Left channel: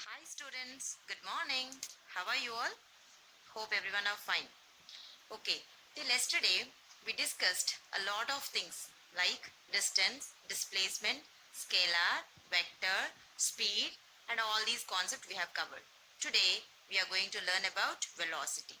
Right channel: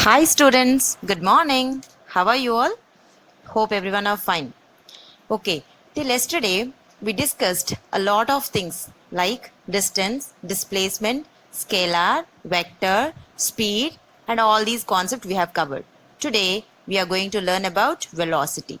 Hi students, good morning. How are you all? Hope everyone are fine. Okay, till yesterday we discussed a lot of things like distance, displacement, scalar, vector, speed and all these concepts we have covered. Today we are going to learn about velocity.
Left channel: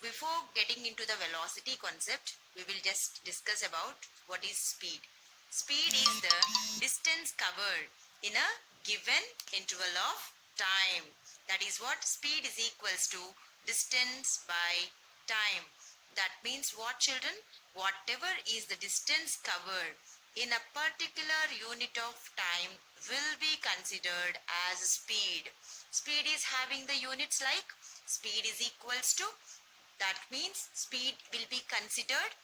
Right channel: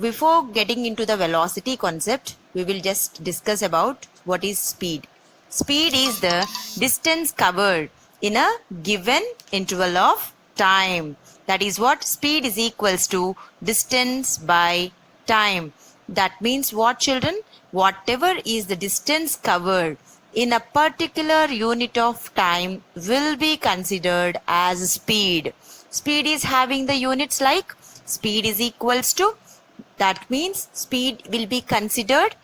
Before getting into the velocity concept, we will just discuss about what is speed. Speed is the distance covered in a given interval of time. That is what speed is equals to distance by time. That means what, children? Whatever is the distance covered in a particular unit of time will be considered as speed. Speed is having the units like speed is equals to, that means speed will be considered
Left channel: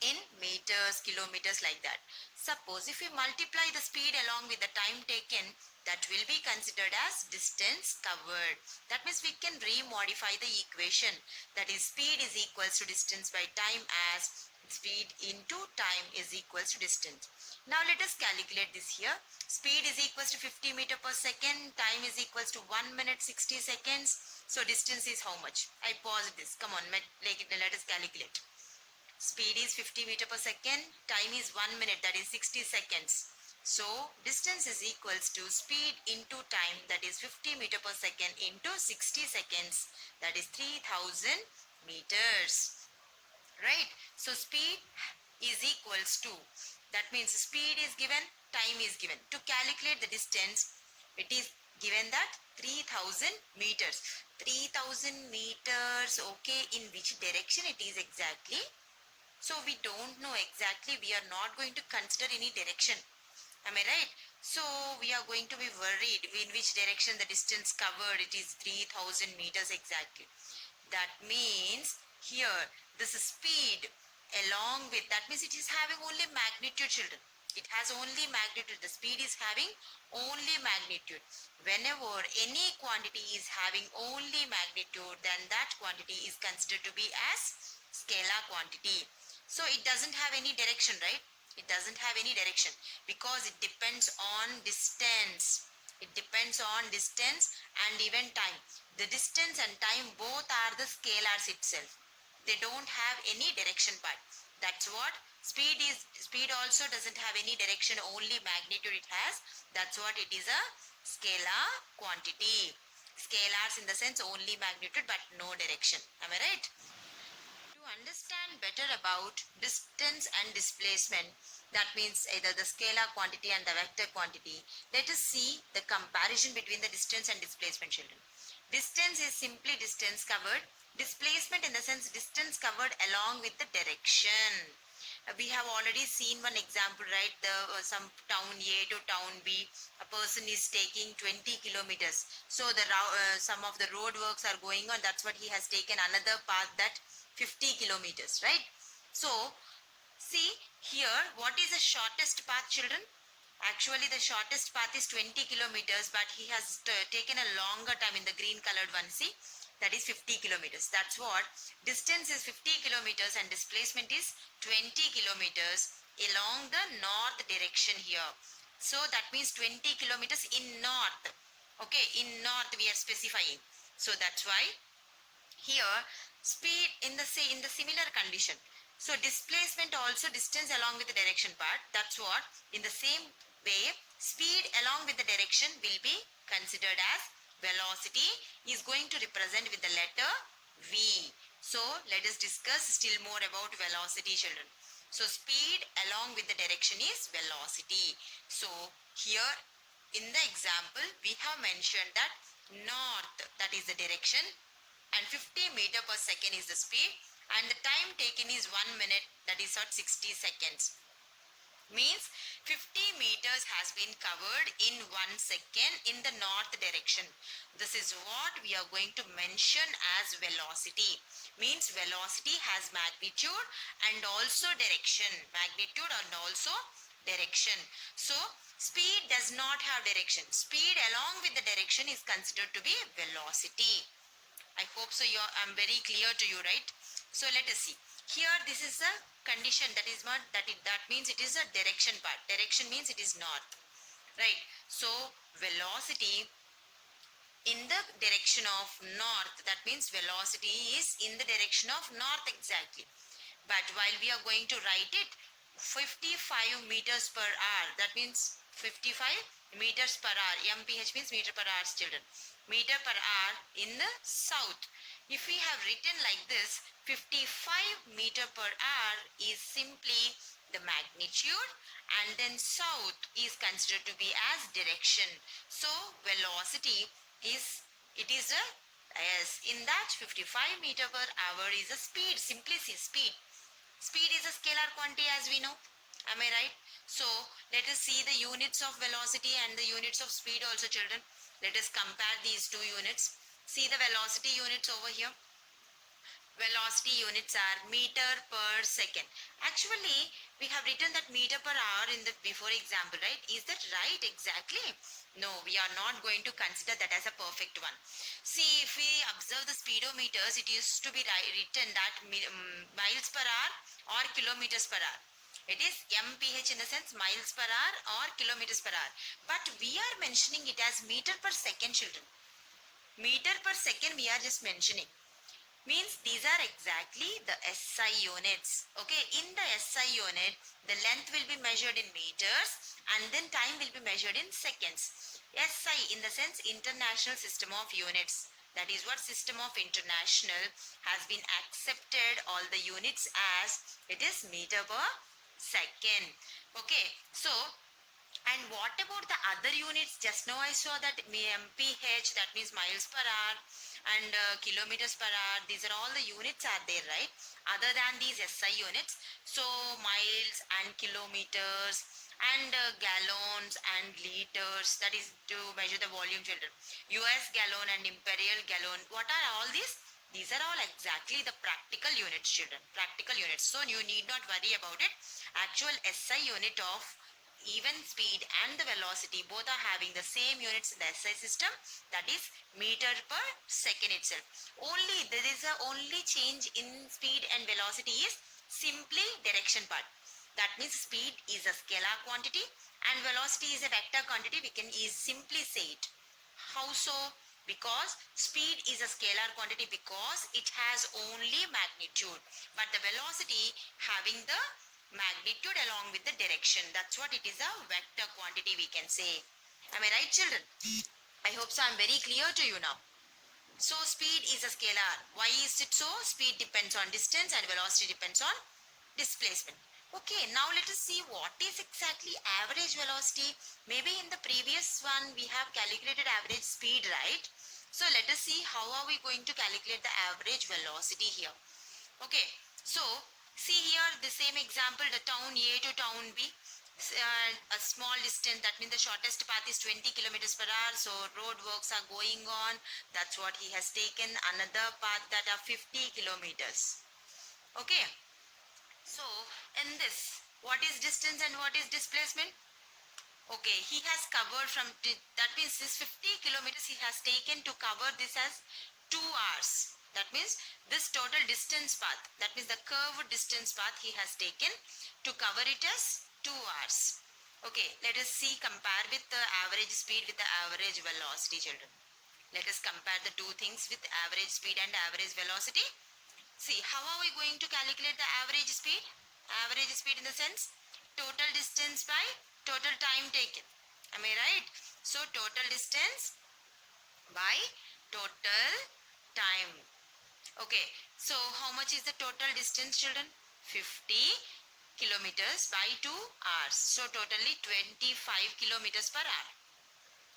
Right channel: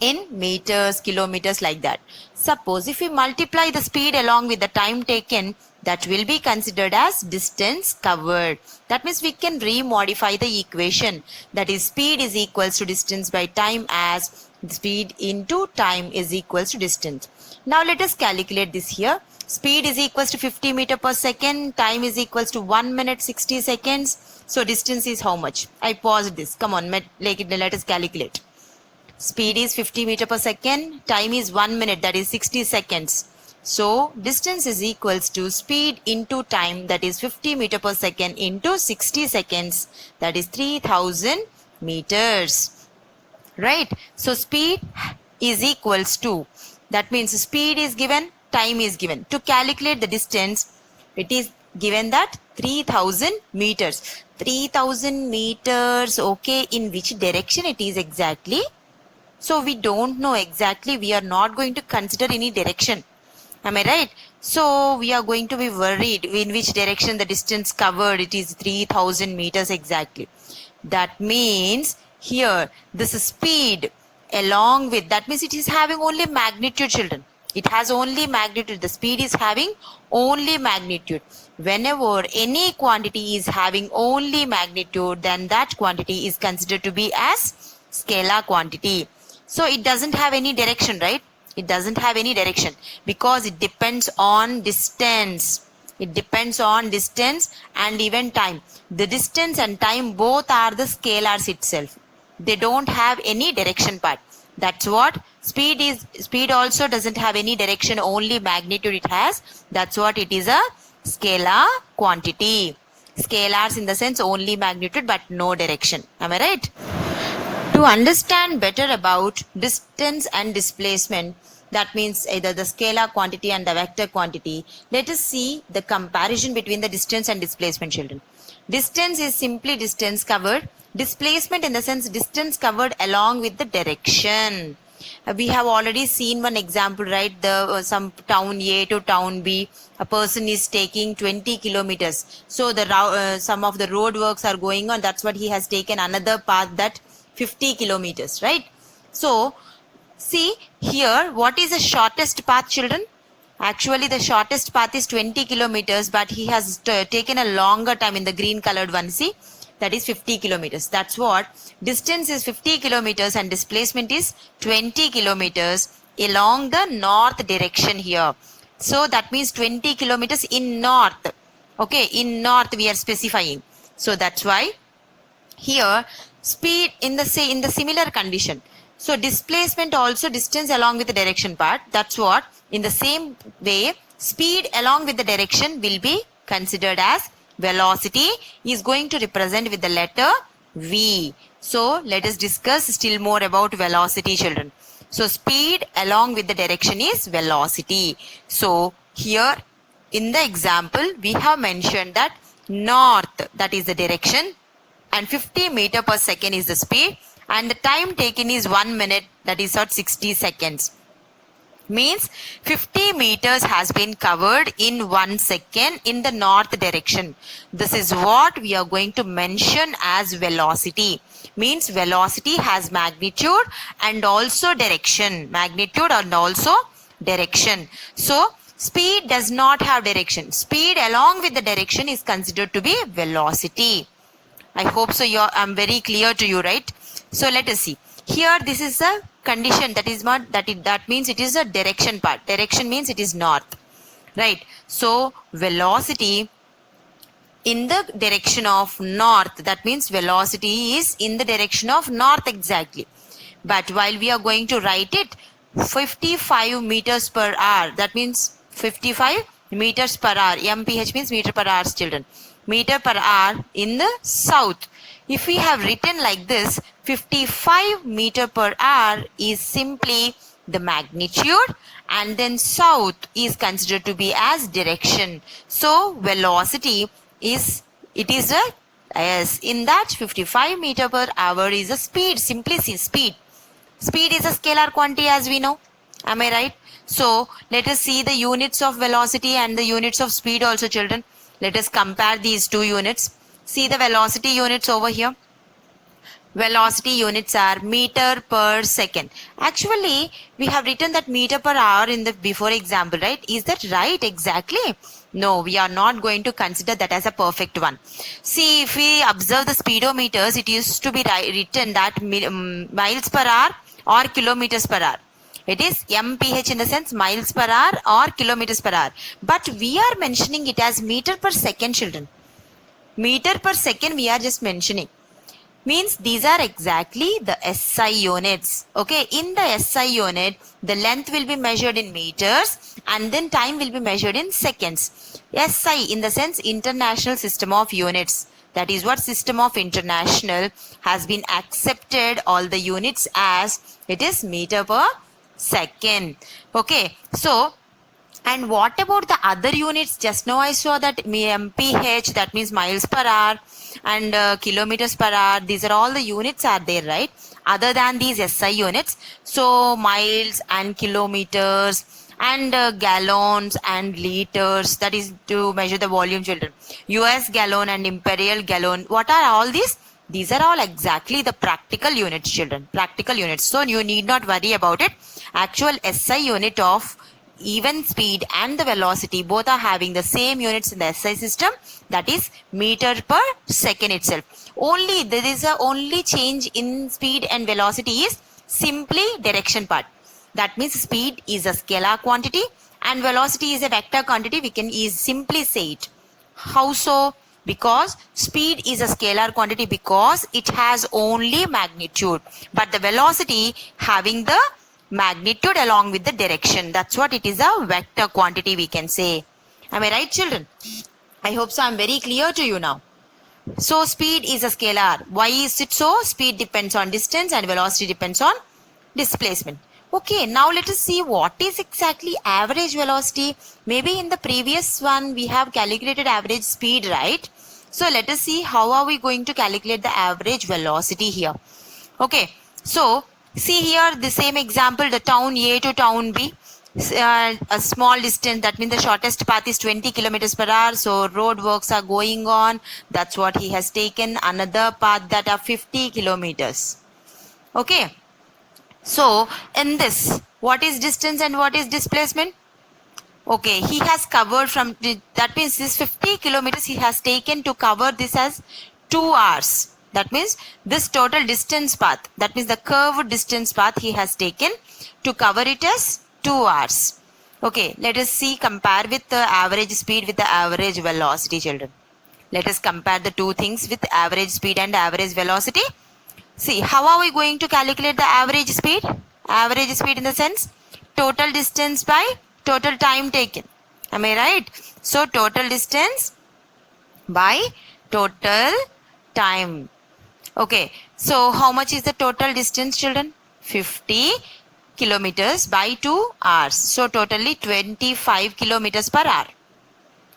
in meters, kilometers, like that. Suppose if we multiply the speed along with the time taken, that will be considered as distance covered. That means we can remodify the equation. That is speed is equals to distance by time as speed into time is equals to distance. Now let us calculate this here. Speed is equals to 50 meter per second. Time is equals to 1 minute 60 seconds. So distance is how much? I paused this. Come on, let us calculate. Speed is 50 meter per second. Time is 1 minute, that is 60 seconds. So distance is equals to speed into time, that is 50 meter per second into 60 seconds, that is 3000 meters. Right? So speed is equals to, that means speed is given, time is given. To calculate the distance, it is given that 3000 meters. 3000 meters, okay, in which direction it is exactly? So we don't know exactly. We are not going to consider any direction. Am I right? So we are going to be worried in which direction the distance covered. It is 3000 meters exactly. That means here this speed along with, that means it is having only magnitude, children. It has only magnitude. The speed is having only magnitude. Whenever any quantity is having only magnitude, then that quantity is considered to be as scalar quantity. So it doesn't have any direction, right? It doesn't have any direction because it depends on distance. It depends on distance and even time. The distance and time both are the scalars itself. They don't have any direction part. That's what speed is. Speed also doesn't have any direction, only magnitude it has. That's what it is, a scalar quantity. Scalars in the sense only magnitude but no direction. Am I right? To understand better about distance and displacement, that means either the scalar quantity and the vector quantity, let us see the comparison between the distance and displacement, children. Distance is simply distance covered. Displacement in the sense distance covered along with the direction. We have already seen one example, right? The some town A to town B, a person is taking 20 kilometers. So the some of the road works are going on. That's what he has taken another path, that 50 kilometers, right? So see here, what is the shortest path, children? Actually, the shortest path is 20 kilometers, but he has taken a longer time in the green colored one. See, that is 50 kilometers. That's what distance is, 50 kilometers, and displacement is 20 kilometers along the north direction here. So that means 20 kilometers in north. Okay, in north we are specifying. So that's why here speed in the similar condition. So displacement also distance along with the direction part. That's what in the same way speed along with the direction will be considered as velocity, is going to represent with the letter V. So let us discuss still more about velocity, children. So speed along with the direction is velocity. So here in the example we have mentioned that north, that is the direction, and 50 meter per second is the speed, and the time taken is 1 minute, that is at 60 seconds. Means 50 meters has been covered in 1 second in the north direction. This is what we are going to mention as velocity. Means velocity has magnitude and also direction. Magnitude and also direction. So speed does not have direction. Speed along with the direction is considered to be velocity. I hope so. I'm very clear to you, right? So let us see. Here, this is a condition, that is not that means it is a direction part. Direction means it is north, right? So velocity in the direction of north. That means velocity is in the direction of north exactly. But while we are going to write it 55 meters per hour, that means 55 meters per hour. MPH means meter per hour, children. Meter per hour in the south. If we have written like this, 55 meter per hour is simply the magnitude, and then south is considered to be as direction. So velocity is, it is a, yes, in that 55 meter per hour is a speed, simply see speed. Speed is a scalar quantity as we know. Am I right? So let us see the units of velocity and the units of speed also, children. Let us compare these two units. See the velocity units over here. Velocity units are meter per second. Actually, we have written that meter per hour in the before example, right? Is that right exactly? No, we are not going to consider that as a perfect one. See, if we observe the speedometers, it used to be written that miles per hour or kilometers per hour. It is mph in the sense miles per hour or kilometers per hour. But we are mentioning it as meter per second, children. Meter per second we are just mentioning. Means these are exactly the SI units. Okay, in the SI unit, the length will be measured in meters and then time will be measured in seconds. SI in the sense International System of Units. That is what System of International has been accepted all the units as it is meter per second. Okay, so and what about the other units? Just now I saw that mph, that means miles per hour, and kilometers per hour. These are all the units are there, right? Other than these SI units. So miles and kilometers and gallons and liters, that is to measure the volume, children. US gallon and imperial gallon. What are all these? These are all exactly the practical units, children. Practical units. So you need not worry about it. Actual SI unit of even speed and the velocity both are having the same units in the SI system, that is meter per second itself. Only there is a only change in speed and velocity is simply direction part. That means speed is a scalar quantity and velocity is a vector quantity. We can simply say it. How so? Because speed is a scalar quantity because it has only magnitude, but the velocity having the magnitude along with the direction. That's what it is, a vector quantity we can say. Am I right, children? I hope so. I'm very clear to you now. So speed is a scalar. Why is it so? Speed depends on distance and velocity depends on displacement. Okay, now let us see what is exactly average velocity. Maybe in the previous one we have calculated average speed, right? So let us see how are we going to calculate the average velocity here. Okay, so see here the same example, the town A to town B. A small distance, that means the shortest path is 20 kilometers per hour. So road works are going on. That's what he has taken. Another path that are 50 kilometers. Okay. So in this, what is distance and what is displacement? Okay, he has covered from, that means this 50 kilometers he has taken to cover this as 2 hours. That means this total distance path, that means the curved distance path he has taken to cover it as 2 hours. Okay, let us see, compare with the average speed with the average velocity, children. Let us compare the two things with average speed and average velocity. See, how are we going to calculate the average speed? Average speed in the sense total distance by total time taken. Am I right? So total distance by total time. Okay. So how much is the total distance, children? 50 kilometers by 2 hours. So totally 25 kilometers per hour.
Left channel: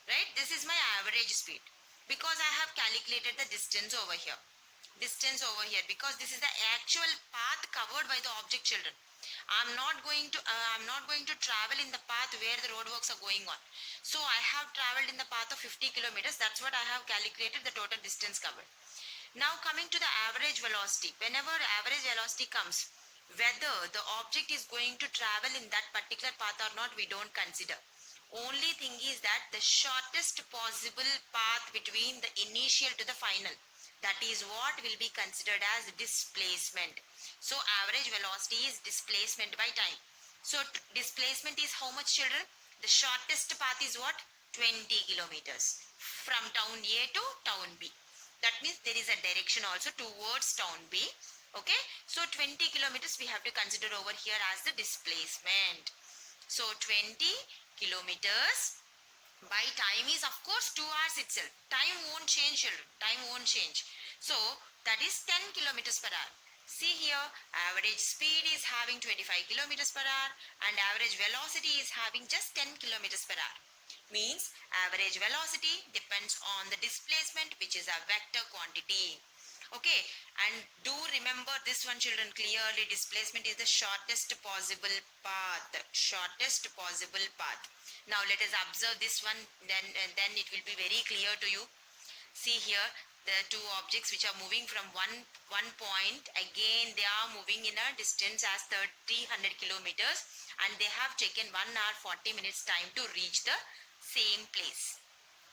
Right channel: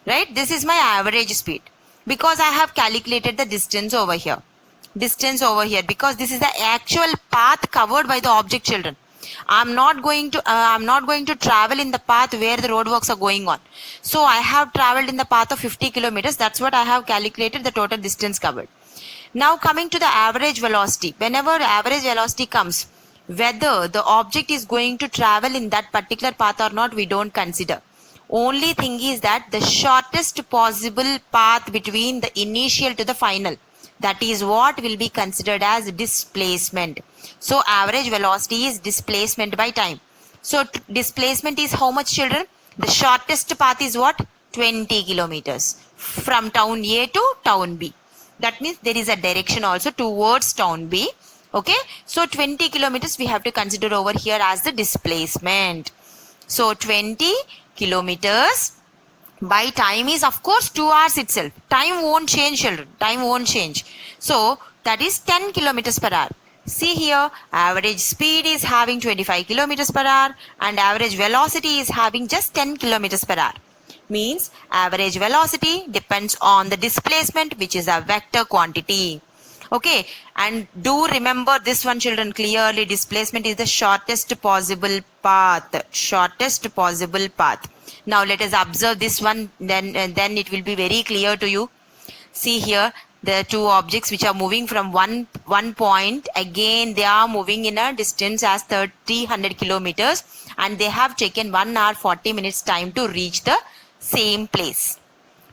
Right? This is my average speed because I have calculated the distance over here. Distance over here because this is the actual path covered by the object, children. I'm not going to travel in the path where the roadworks are going on. So I have traveled in the path of 50 kilometers. That's what I have calculated the total distance covered. Now coming to the average velocity. Whenever average velocity comes, whether the object is going to travel in that particular path or not, we don't consider. Only thing is that the shortest possible path between the initial to the final. That is what will be considered as displacement. So average velocity is displacement by time. So displacement is how much, children? The shortest path is what? 20 kilometers. from town A to town B. That means there is a direction also towards town B. Okay, so 20 kilometers we have to consider over here as the displacement. So 20 kilometers by time is of course 2 hours itself. Time won't change, children. Time won't change. So that is 10 kilometers per hour. See here, average speed is having 25 kilometers per hour and average velocity is having just 10 kilometers per hour. Means average velocity depends on the displacement, which is a vector quantity. Okay, and do remember this one, children, clearly. Displacement is the shortest possible path. Shortest possible path. Now let us observe this one, then it will be very clear to you. See here, the two objects which are moving from one point, again they are moving in a distance as 300 kilometers and they have taken 1 hour 40 minutes time to reach the same place.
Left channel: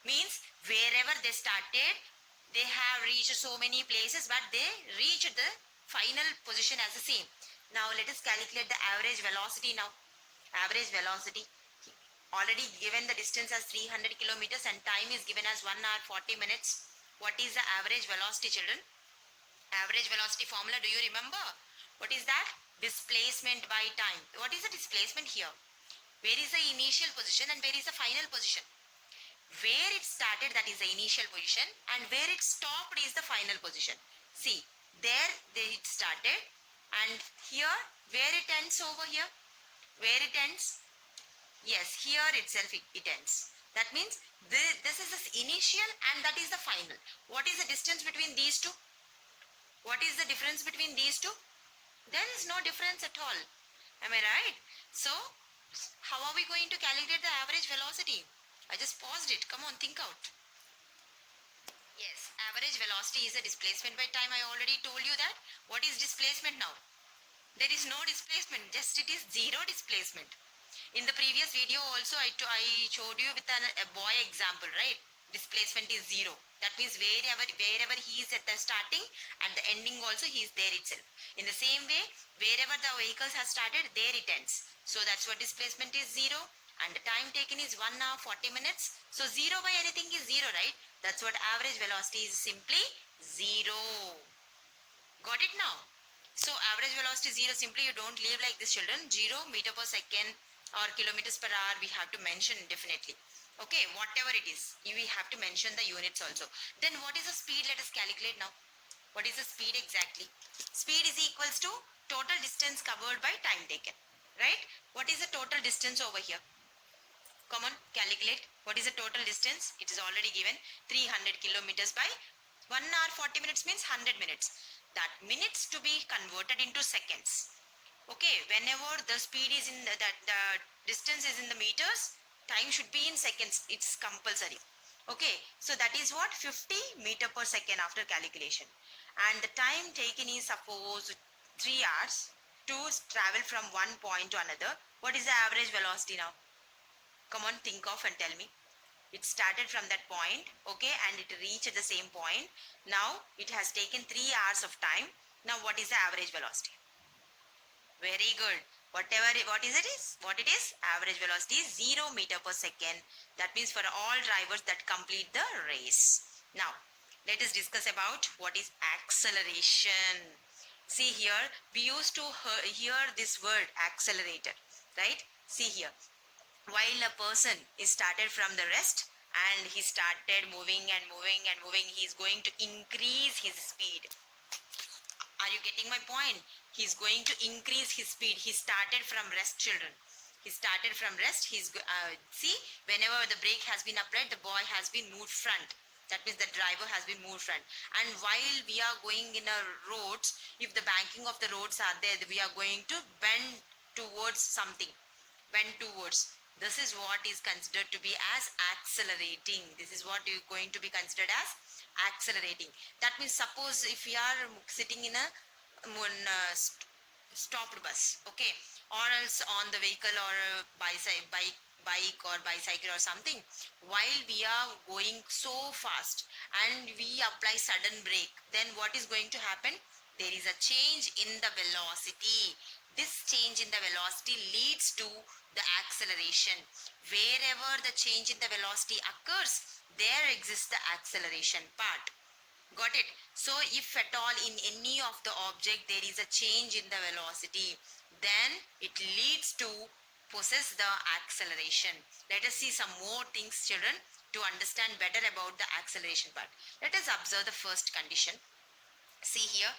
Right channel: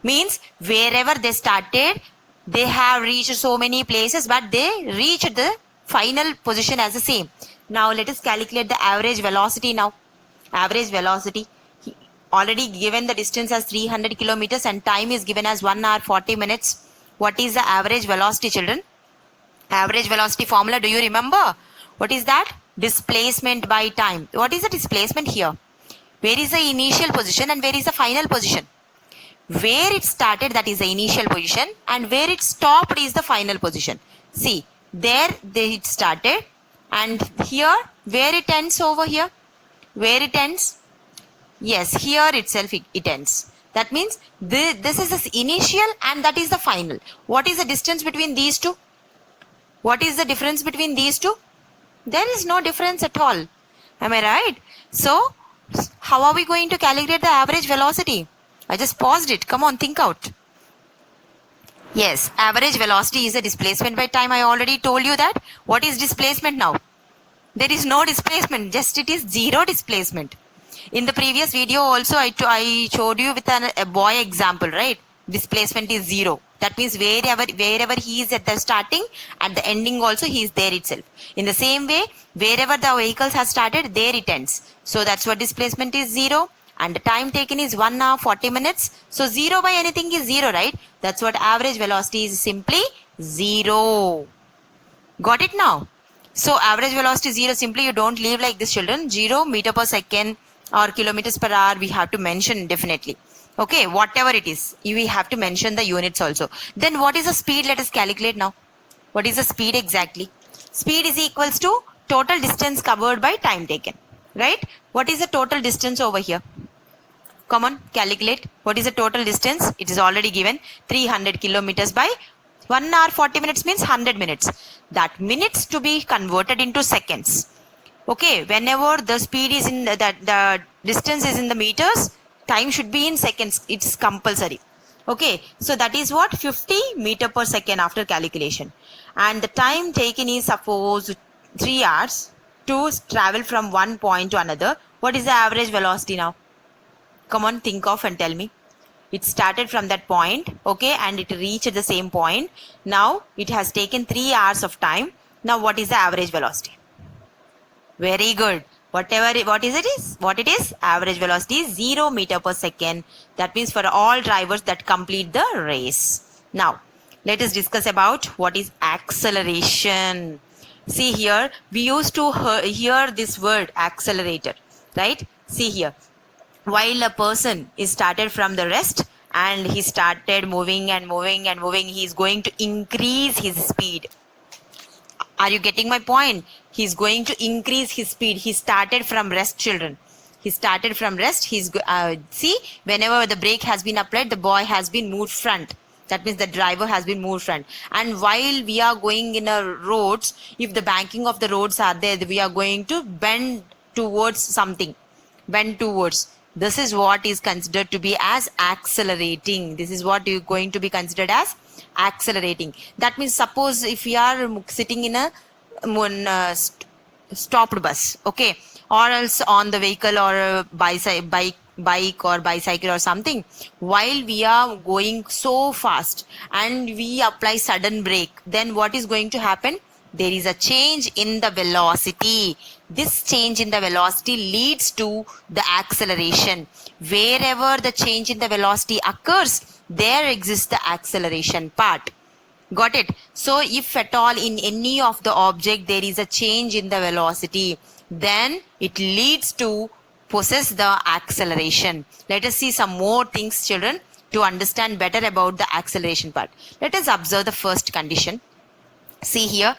Means wherever they started, they have reached so many places, but they reached the final position as the same. Now let us calculate the average velocity now. Average velocity, already given the distance as 300 kilometers and time is given as 1 hour 40 minutes. What is the average velocity, children? Average velocity formula, do you remember? What is that? Displacement by time. What is the displacement here? Where is the initial position and where is the final position? Where it started, that is the initial position, and where it stopped is the final position. See, there it started, and here where it ends over here, where it ends, yes, here itself it ends. That means this is the initial and that is the final. What is the distance between these two? What is the difference between these two? There is no difference at all. Am I right? So how are we going to calculate the average velocity? I just paused it. Come on, think out. Yes, average velocity is a displacement by time. I already told you that. What is displacement now? There is no displacement, just it is zero displacement. In the previous video also I showed you with a boy example, right? Displacement is zero. That means wherever he is at the starting, at the ending also he is there itself. In the same way, wherever the vehicles have started, there it ends. So that's what displacement is, zero. And the time taken is 1 hour 40 minutes. So 0 by anything is 0, right? That's what average velocity is, simply 0. Got it now? So average velocity is 0. Simply you don't leave like this, children. 0 meter per second or kilometers per hour we have to mention definitely. Okay, whatever it is, we have to mention the units also. Then what is the speed? Let us calculate now. What is the speed exactly? Speed is equals to total distance covered by time taken, right? What is the total distance over here? Come on, calculate. What is the total distance? It is already given, 300 kilometers by 1 hour 40 minutes means 100 minutes. That minutes to be converted into seconds. Okay, whenever the speed is in the distance is in the meters, time should be in seconds. It's compulsory. Okay, so that is what, 50 meter per second after calculation. And the time taken is suppose 3 hours to travel from one point to another. What is the average velocity now? Come on, think of and tell me. It started from that point, okay, and it reached the same point. Now it has taken 3 hours of time. Now what is the average velocity? Very good. What it is? Average velocity is 0 meter per second. That means for all drivers that complete the race. Now let us discuss about what is acceleration. See here, we used to hear this word accelerator, right? See here, while a person is started from the rest and he started moving and moving and moving, he is going to increase his speed. Are you getting my point? He is going to increase his speed. He started from rest, children. He started from rest. See, whenever the brake has been applied, the boy has been moved front. That means the driver has been moved front. And while we are going in a roads, if the banking of the roads are there, we are going to bend towards something. Bend towards. This is what is considered to be as accelerating. This is what is going to be considered as accelerating. That means suppose if we are sitting in a stopped bus, okay, or else on the vehicle or a bike or bicycle or something, while we are going so fast and we apply sudden brake, then what is going to happen? There is a change in the velocity. This change in the velocity leads to the acceleration. Wherever the change in the velocity occurs, there exists the acceleration part. Got it? So if at all in any of the object there is a change in the velocity, then it leads to possess the acceleration. Let us see some more things, children, to understand better about the acceleration part. Let us observe the first condition. See here,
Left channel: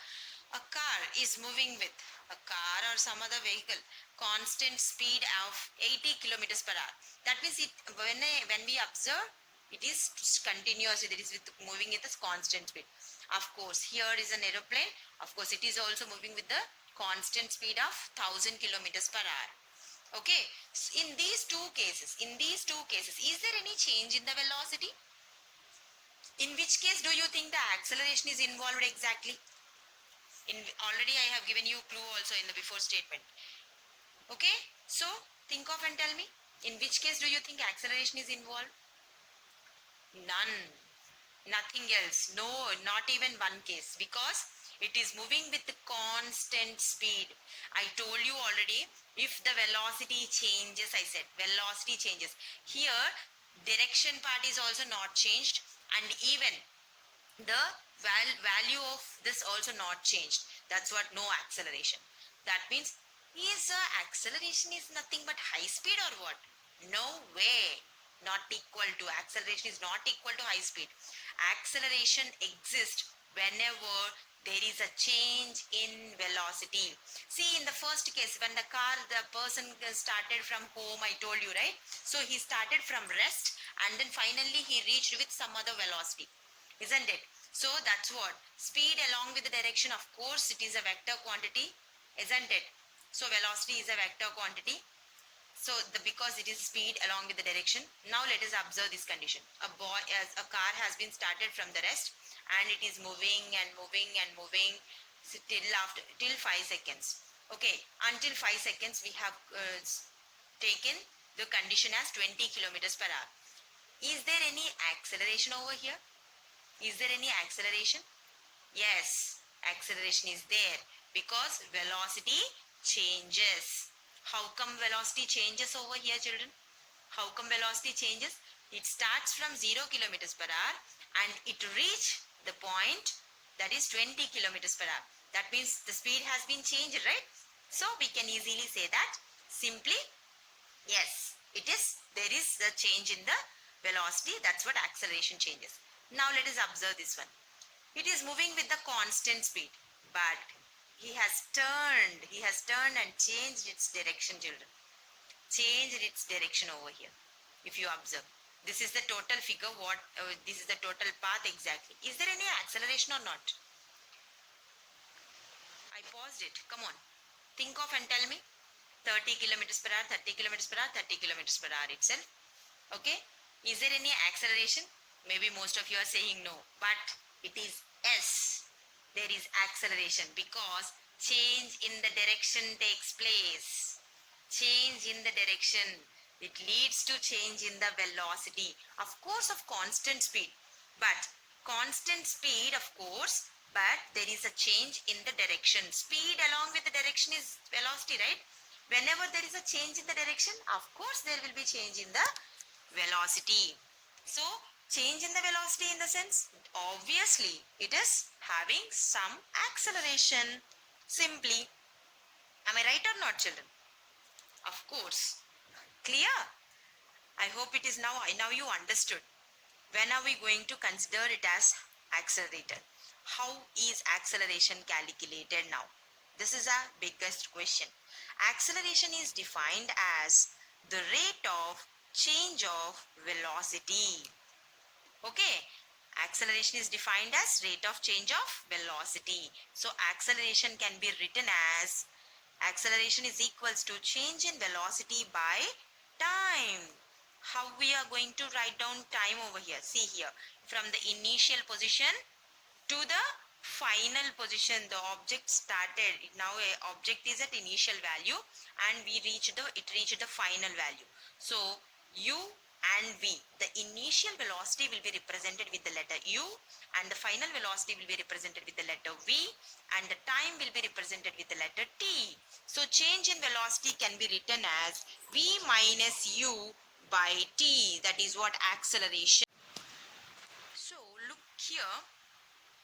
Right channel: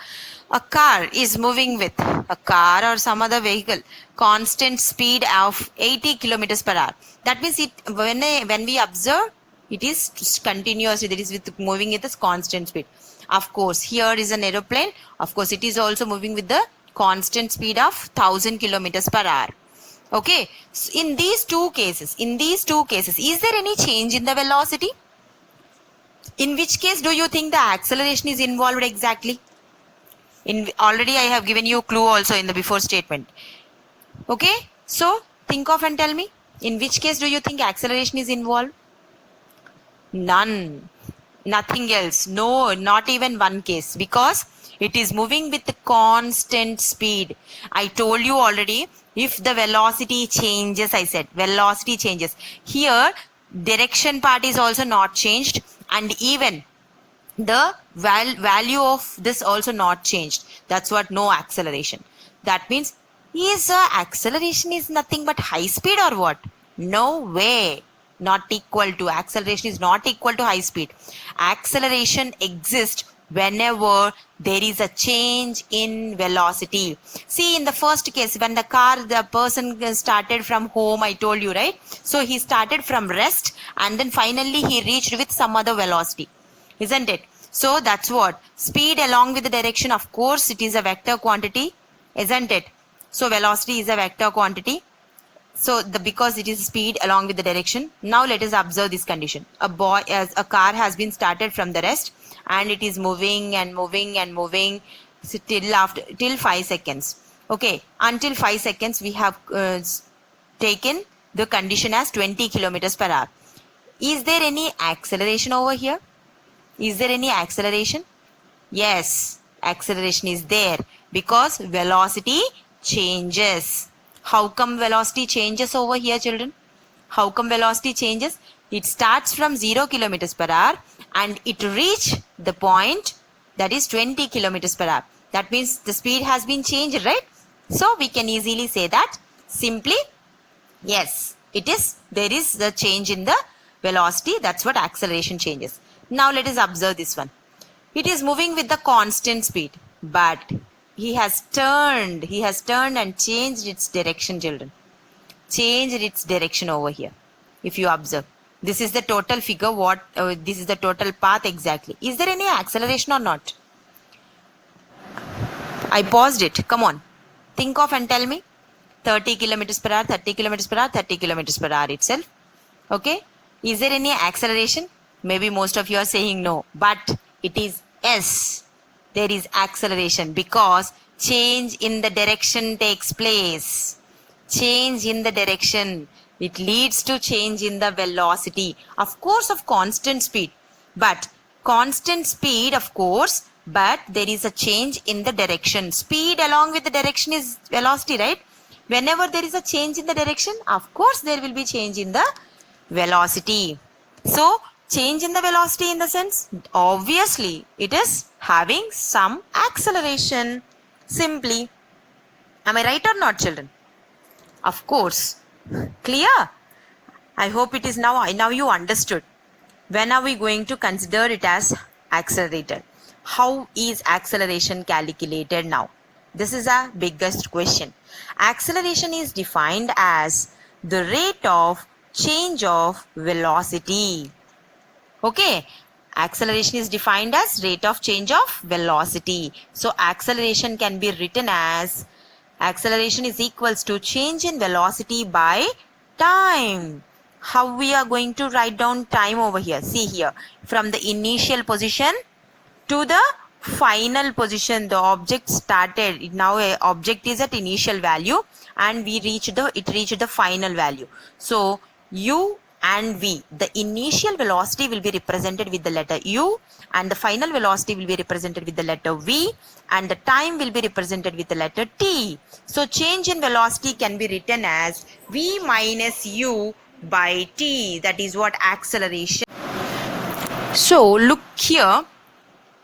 a car is moving with a car or some other vehicle constant speed of 80 kilometers per hour. That means it when we observe, it is continuously, that is with moving with this constant speed. Of course, here is an aeroplane. Of course, it is also moving with the constant speed of 1000 kilometers per hour. Okay, so in these two cases, is there any change in the velocity? In which case do you think the acceleration is involved exactly? Already I have given you clue also in the before statement. Okay, so think of and tell me, in which case do you think acceleration is involved? None, nothing else. No, not even one case, because it is moving with constant speed. I told you already, if the velocity changes, I said velocity changes. Here, direction part is also not changed, and even the value of this also not changed. That's what no acceleration. That means, is acceleration is nothing but high speed or what? No way. Not equal to, acceleration is not equal to high speed. Acceleration exists whenever there is a change in velocity. See, in the first case, when the person started from home, I told you, right? So he started from rest and then finally he reached with some other velocity, isn't it? So that's what speed along with the direction. Of course, it is a vector quantity, isn't it? So velocity is a vector quantity. So because it is speed along with the direction. Now let us observe this condition. A car has been started from the rest and it is moving and moving and moving till 5 seconds. Okay, until 5 seconds we have taken the condition as 20 kilometers per hour. Is there any acceleration over here? Is there any acceleration? Yes, acceleration is there because velocity changes. How come velocity changes over here, children? How come velocity changes? It starts from 0 kilometers per hour and it reach the point that is 20 kilometers per hour. That means the speed has been changed, right? So we can easily say that simply, yes, there is the change in the velocity. That's what acceleration changes. Now let us observe this one. It is moving with the constant speed, but he has turned and changed its direction, children. Changed its direction over here. If you observe, this is the total figure. This is the total path exactly. Is there any acceleration or not? I paused it. Come on. Think of and tell me. 30 kilometers per hour, 30 kilometers per hour, 30 kilometers per hour itself. Okay. Is there any acceleration? Maybe most of you are saying no, but it is yes. There is acceleration because change in the direction takes place. Change in the direction. It leads to change in the velocity. Of course, of constant speed. But constant speed, of course, but there is a change in the direction. Speed along with the direction is velocity, right? Whenever there is a change in the direction, of course, there will be change in the velocity. So, change in the velocity in the sense, obviously, it is having some acceleration. Simply. Am I right or not, children? Of course. Clear? I hope it is now you understood. When are we going to consider it as accelerated? How is acceleration calculated now? This is our biggest question. Acceleration is defined as the rate of change of velocity. Okay, acceleration is defined as rate of change of velocity. So acceleration can be written as acceleration is equals to change in velocity by time. How we are going to write down time over here? See here, from the initial position to the final position, the object started. Now a object is at initial value and it reached the final value. So u and v, the initial velocity will be represented with the letter u and the final velocity will be represented with the letter v and the time will be represented with the letter t. So change in velocity can be written as v minus u by t. That is what acceleration. So look here,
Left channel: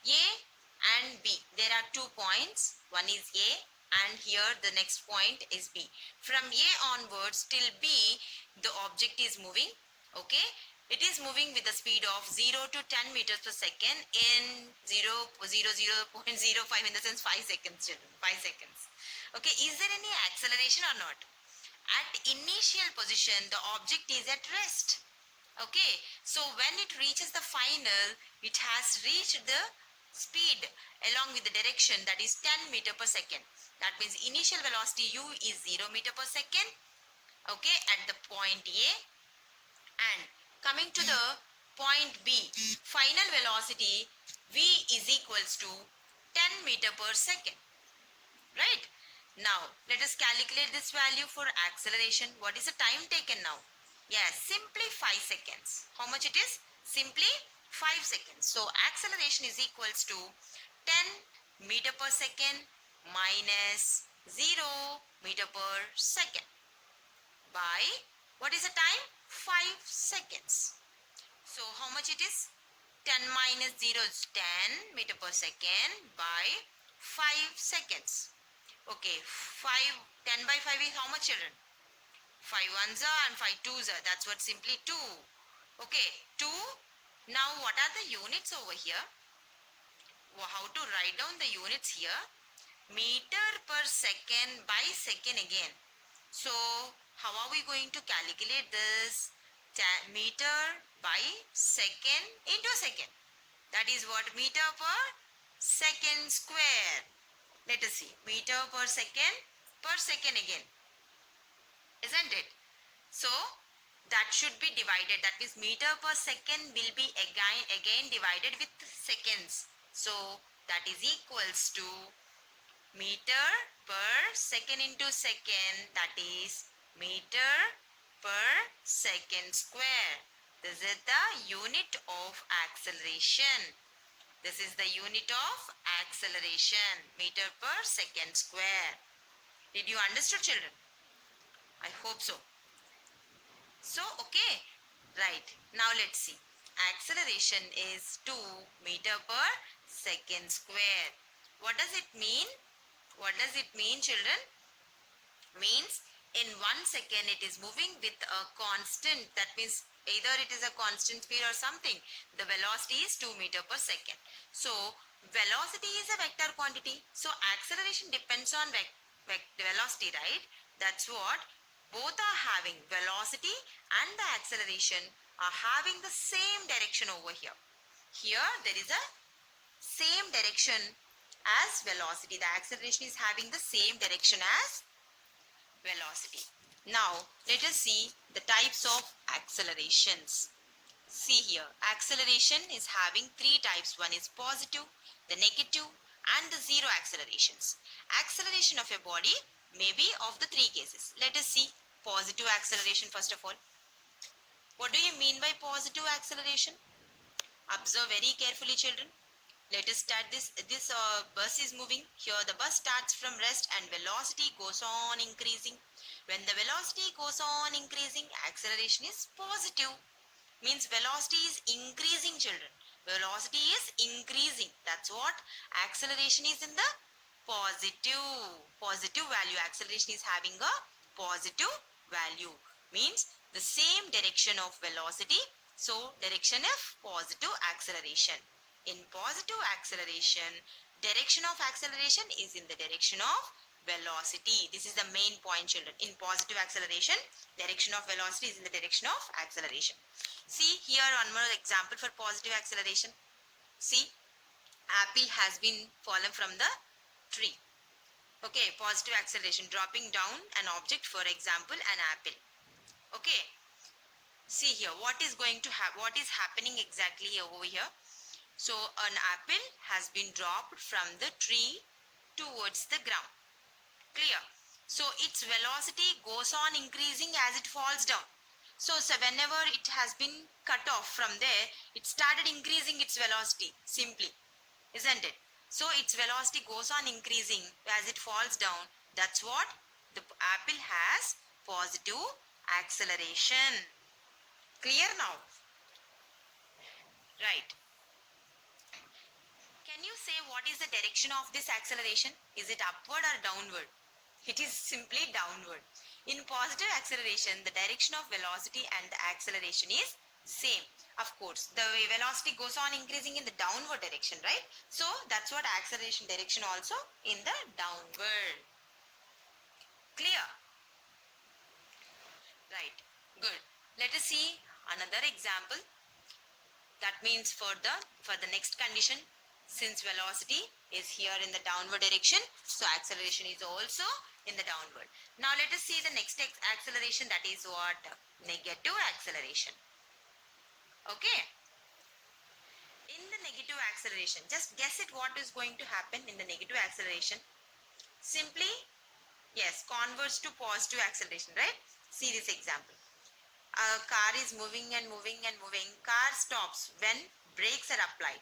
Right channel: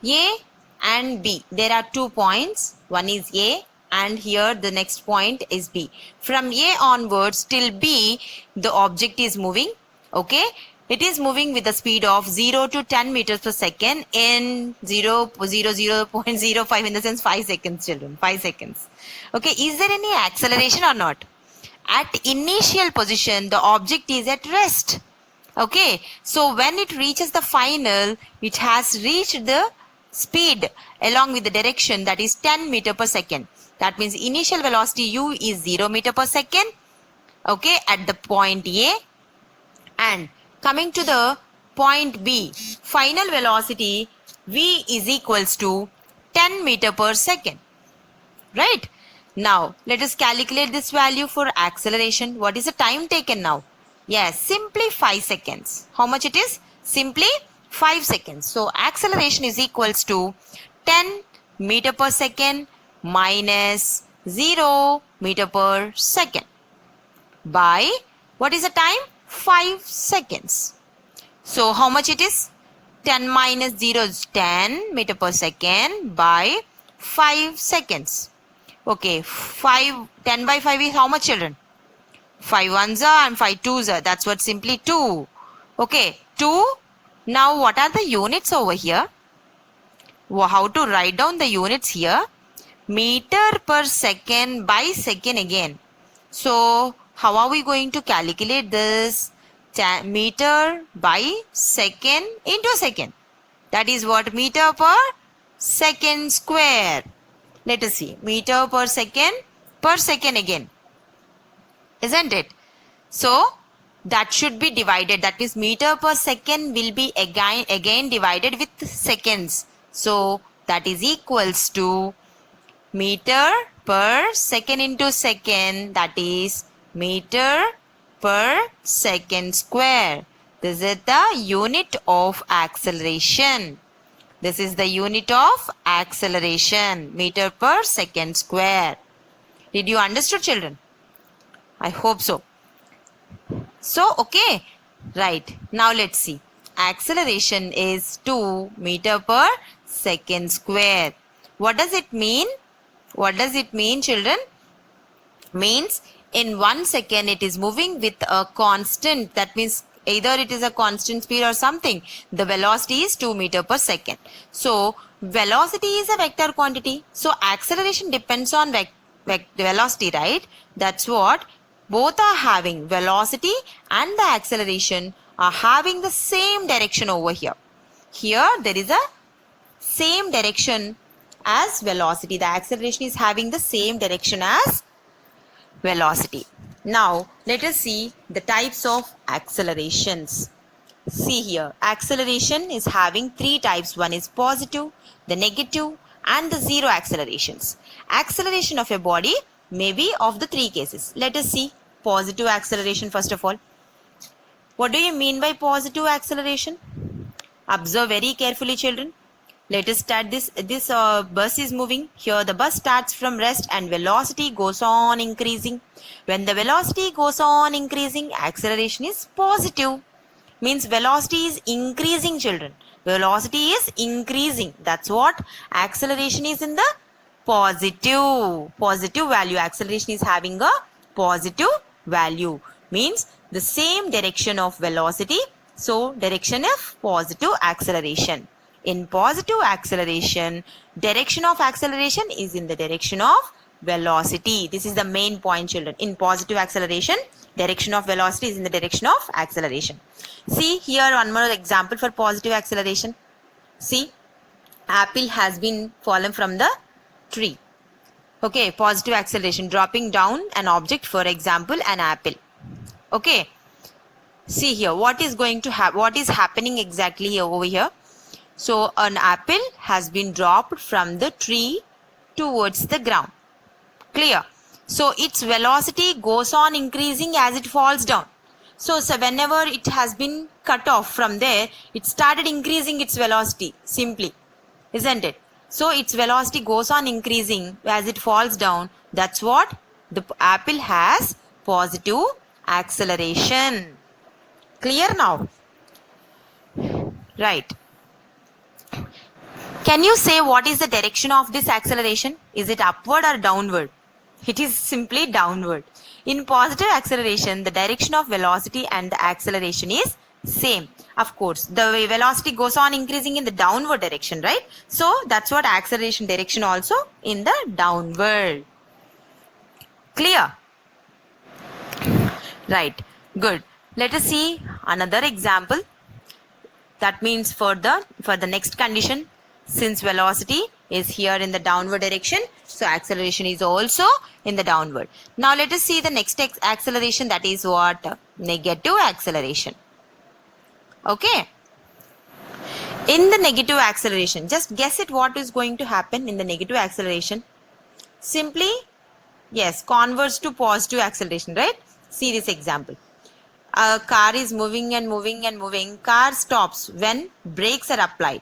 A and B. There are 2 points. One is A and here the next point is B. From A onwards till B, the object is moving. Okay. It is moving with the speed of 0 to 10 meters per second in 0.05 in the sense 5 seconds, children. 5 seconds. Okay. Is there any acceleration or not? At initial position, the object is at rest. Okay, so when it reaches the final, it has reached the speed along with the direction, that is 10 meter per second. That means initial velocity u is 0 meter per second. Okay, at the point A, and coming to the point B, final velocity v is equals to 10 meter per second. Right? Now, let us calculate this value for acceleration. What is the time taken now? Yes, simply 5 seconds. How much it is? Simply 5 seconds. So, acceleration is equals to 10 meter per second minus 0 meter per second by, what is the time? 5 seconds. So, how much it is? 10 minus 0 is 10 meter per second by 5 seconds. Okay, 10 by 5 is how much, children? 5 ones are and 5 twos are. That's what, simply 2. Okay, 2. Now, what are the units over here? How to write down the units here? Meter per second by second again. So, how are we going to calculate this? Meter by second into second. That is what? Meter per second square. Let us see. Meter per second again. Isn't it? So, that should be divided. That means meter per second will be again divided with seconds. So, that is equals to meter per second into second. That is meter per second square. This is the unit of acceleration. This is the unit of acceleration, meter per second square. Did you understand, children? I hope so. So, okay. Right. Now, let's see. Acceleration is 2 meter per second square. What does it mean? What does it mean, children? Means in 1 second it is moving with a constant. That means either it is a constant speed or something. The velocity is 2 meter per second. So, velocity is a vector quantity. So, acceleration depends on velocity, right? That's what both are having. Velocity and the acceleration are having the same direction over here. Here, there is a same direction as velocity. The acceleration is having the same direction as velocity. Now, let us see the types of accelerations. See here, acceleration is having 3 types. One is positive, the negative, and the zero accelerations. Acceleration of a body may be of the 3 cases. Let us see positive acceleration first of all. What do you mean by positive acceleration? Observe very carefully, children. Let us start this. This bus is moving. Here the bus starts from rest and velocity goes on increasing. When the velocity goes on increasing, acceleration is positive. Means velocity is increasing, children. Velocity is increasing. That's what acceleration is in the positive. Positive value. Acceleration is having a positive value. Means the same direction of velocity. So, direction of positive acceleration. In positive acceleration, direction of acceleration is in the direction of velocity. This is the main point, children. In positive acceleration, direction of velocity is in the direction of acceleration. See here one more example for positive acceleration. See, apple has been fallen from the tree. Okay, positive acceleration, dropping down an object, for example, an apple. Okay, see here what is going to happen, what is happening exactly here over here. So, an apple has been dropped from the tree towards the ground. Clear? So, its velocity goes on increasing as it falls down. So, whenever it has been cut off from there, it started increasing its velocity simply. Isn't it? So, its velocity goes on increasing as it falls down. That's what the apple has, positive acceleration. Clear now? Right. Can you say what is the direction of this acceleration? Is it upward or downward? It is simply downward. In positive acceleration, the direction of velocity and the acceleration is same. Of course, the velocity goes on increasing in the downward direction, right? So that's what acceleration direction also in the downward. Clear? Right. Good. Let us see another example. That means for the next condition, since velocity is here in the downward direction, so acceleration is also in the downward. Now let us see the next acceleration, that is what? Negative acceleration. Okay. In the negative acceleration, just guess it, what is going to happen in the negative acceleration? Simply, yes, converts to positive acceleration, right? See this example. A car is moving and moving and moving. Car stops when brakes are applied.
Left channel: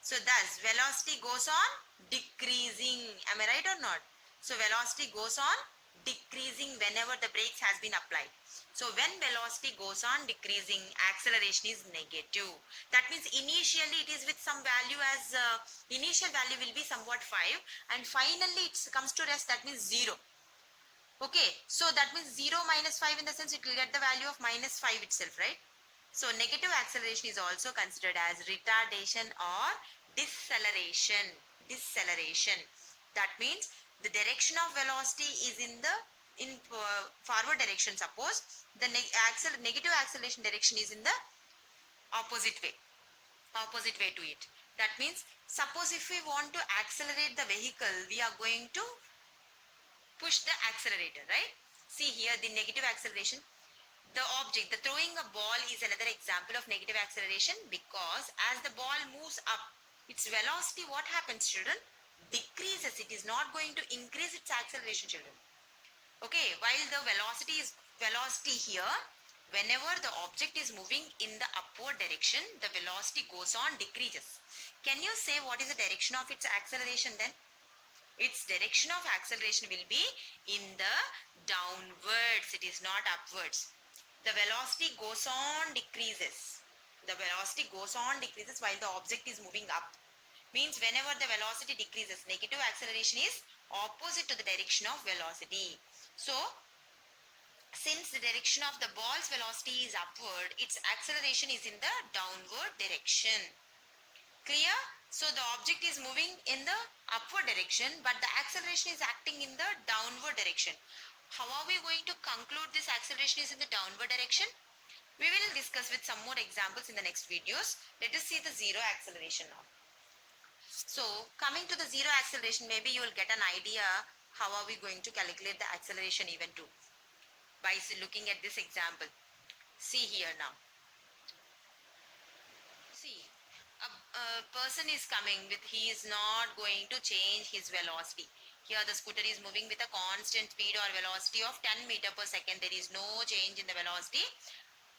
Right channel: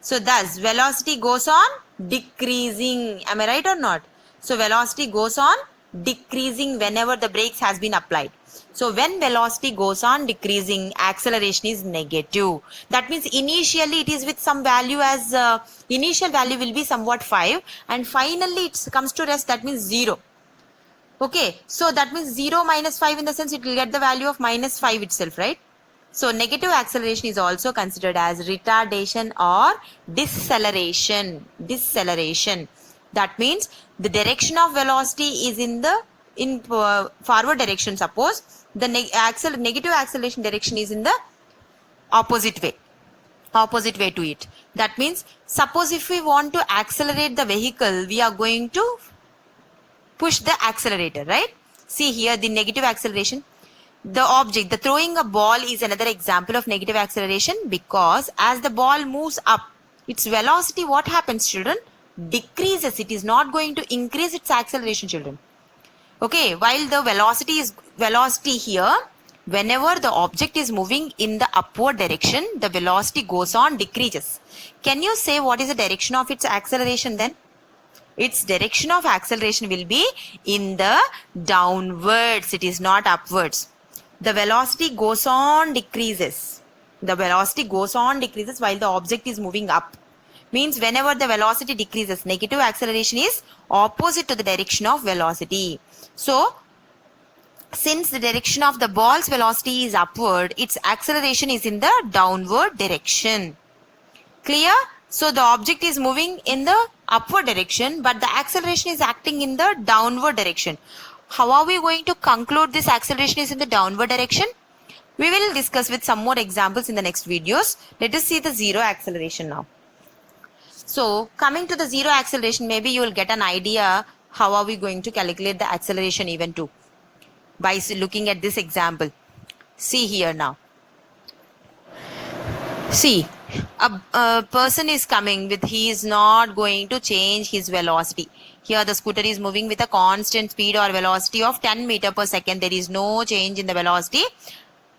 So thus velocity goes on decreasing. Am I right or not? So velocity goes on decreasing whenever the brakes has been applied. So when velocity goes on decreasing, acceleration is negative. That means initially it is with some value as initial value will be somewhat 5 and finally it comes to rest, that means 0. Okay, so that means 0 minus 5, in the sense it will get the value of minus 5 itself, right? So negative acceleration is also considered as retardation or deceleration. That means the direction of velocity is in forward direction. Suppose the negative acceleration direction is in the opposite way to it. That means suppose if we want to accelerate the vehicle, we are going to push the accelerator, right? See here the negative acceleration. The throwing a ball is another example of negative acceleration, because as the ball moves up, its velocity, what happens, children? Decreases. It is not going to increase its acceleration, children. Okay, while the velocity here, whenever the object is moving in the upward direction, the velocity goes on decreases. Can you say what is the direction of its acceleration then? Its direction of acceleration will be in the downwards. It is not upwards. The velocity goes on decreases. The velocity goes on decreases while the object is moving up. Means whenever the velocity decreases, negative acceleration is opposite to the direction of velocity. So, since the direction of the ball's velocity is upward, its acceleration is in the downward direction. Clear? So the object is moving in the upward direction, but the acceleration is acting in the downward direction. How are we going to conclude this acceleration is in the downward direction? We will discuss with some more examples in the next videos. Let us see the zero acceleration now. So coming to the zero acceleration, maybe you will get an idea how are we going to calculate the acceleration even too, by looking at this example. See here now. See, a person is coming with, he is not going to change his velocity. Here the scooter is moving with a constant speed or velocity of 10 meter per second. There is no change in the velocity.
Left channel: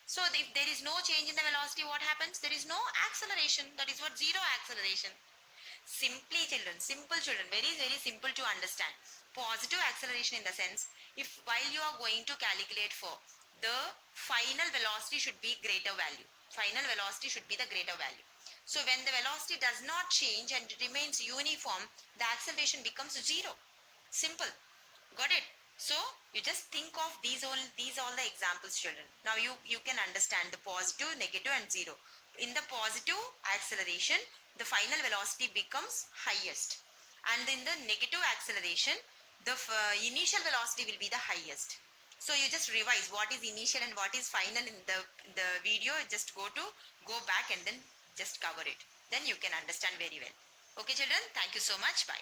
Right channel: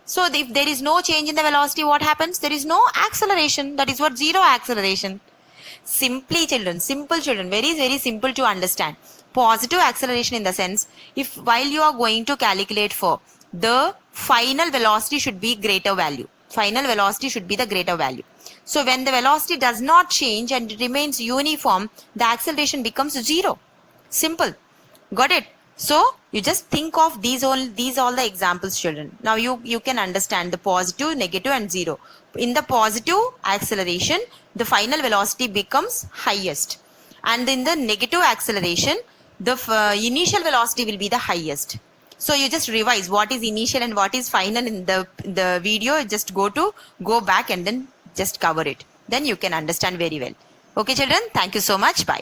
So if there is no change in the velocity, what happens? There is no acceleration. That is what zero acceleration. Simply children, simple children, very, very simple to understand. Positive acceleration in the sense, if while you are going to calculate for the final velocity should be greater value. Final velocity should be the greater value. So when the velocity does not change and it remains uniform, the acceleration becomes zero. Simple. Got it? So you just think of these all the examples, children. Now you can understand the positive, negative and zero. In the positive acceleration, the final velocity becomes highest. And in the negative acceleration, the initial velocity will be the highest. So you just revise what is initial and what is final in the video. Just go back and then just cover it. Then you can understand very well. Okay children, thank you so much. Bye.